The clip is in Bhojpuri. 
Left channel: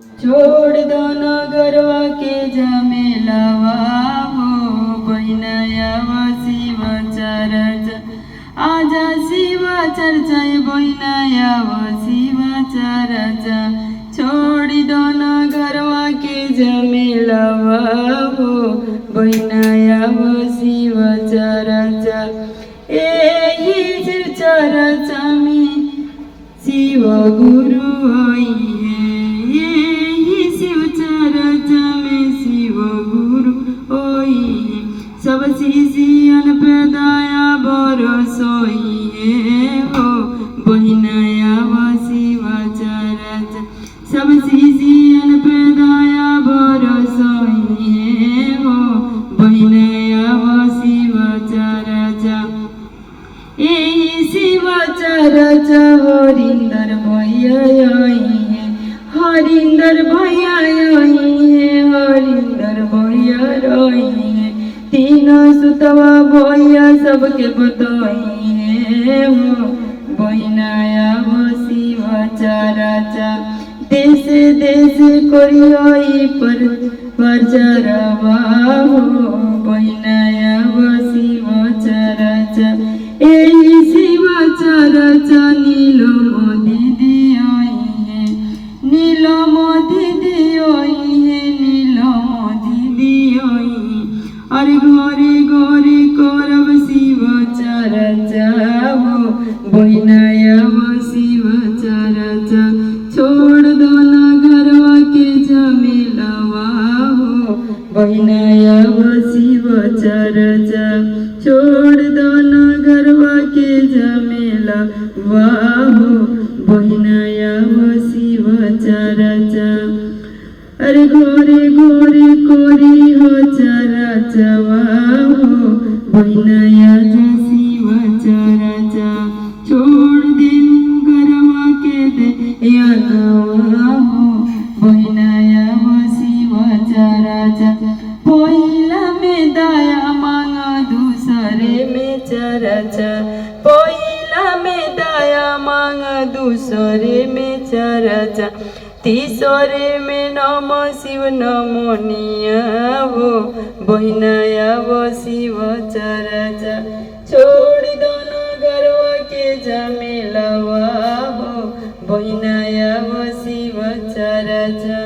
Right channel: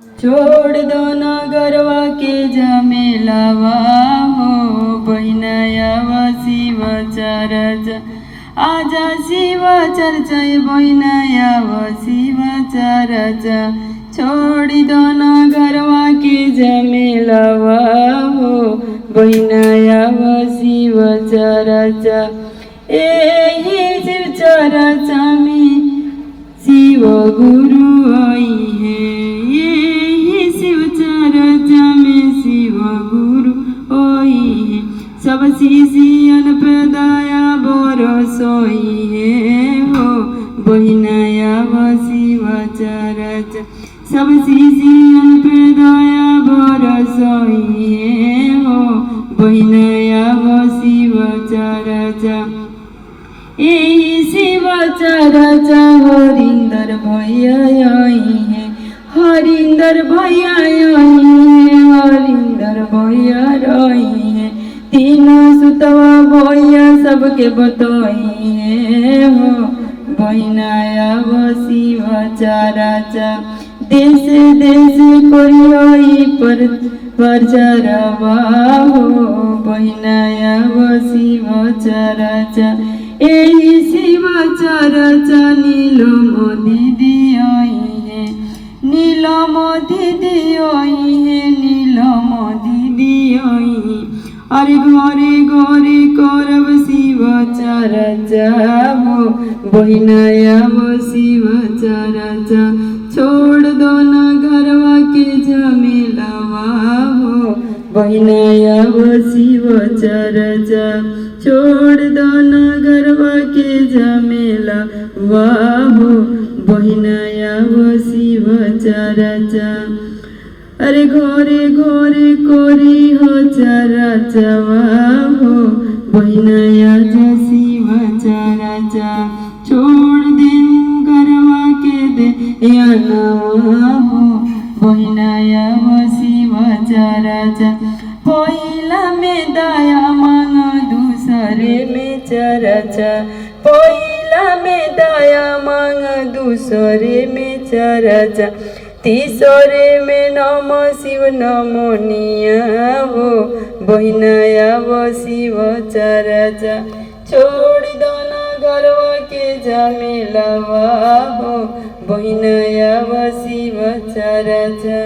छोड़ दो न गरवा के झमेलावा हो बहिनायाव शिव चर्चा आजा शिव चर्चा बहिनायाव शिव चर्चा छोड़ दो न गरवा के झमेलावा हो बहिनायाव शिव चर्चा एही शिव चर्चा में शिव गुरु आई है शिव चर्चा में शिव गुरु ओई है सब शिशियन पे दया बरसोई है हो बहिनायाव शिव चर्चा सब शिशियन पे दया बरसोई है हो बहिनायाव शिव चर्चा यही शिव चर्चा हरिंदर भैया है हरिंदर भैया हरिंदर भैया रही है तीनों सुतवा भैया सबके बताई है हो बहिनायाव शिव चर्चा देश देश कोई पर प्रचारवा हो बहिनायाव शिव चर्चा यही शिव चर्चा नीलम दीदी आई है नीलम दीदी आई है नीलम दीदी आई अरे घरे घरे करब शिव चर्चा हो बहिनायाव शिव चर्चा छोड़ दो न घरवा के झमेलावा हो बहिनायाव शिव चर्चा छोड़ दो न घरवा के झमेलावा हो बहिनायाव शिव चर्चा अरे घोरे घोरे कोरी हो चर्चावा हो बहिनायाव शिव चर्चा छोड़ दे घरवा के दे यानावा हो बहिनायाव शिव चर्चा पहिला में दया मांग दूसरे में चर्चा पहिला में दया मांग दूसरे में चर्चा तीसरे में नम शिव नमोनिया हो बहिनायाव शिव चर्चा छोड़ दो न घरवा के झमेलावा हो बहिनायाव शिव चर्चा।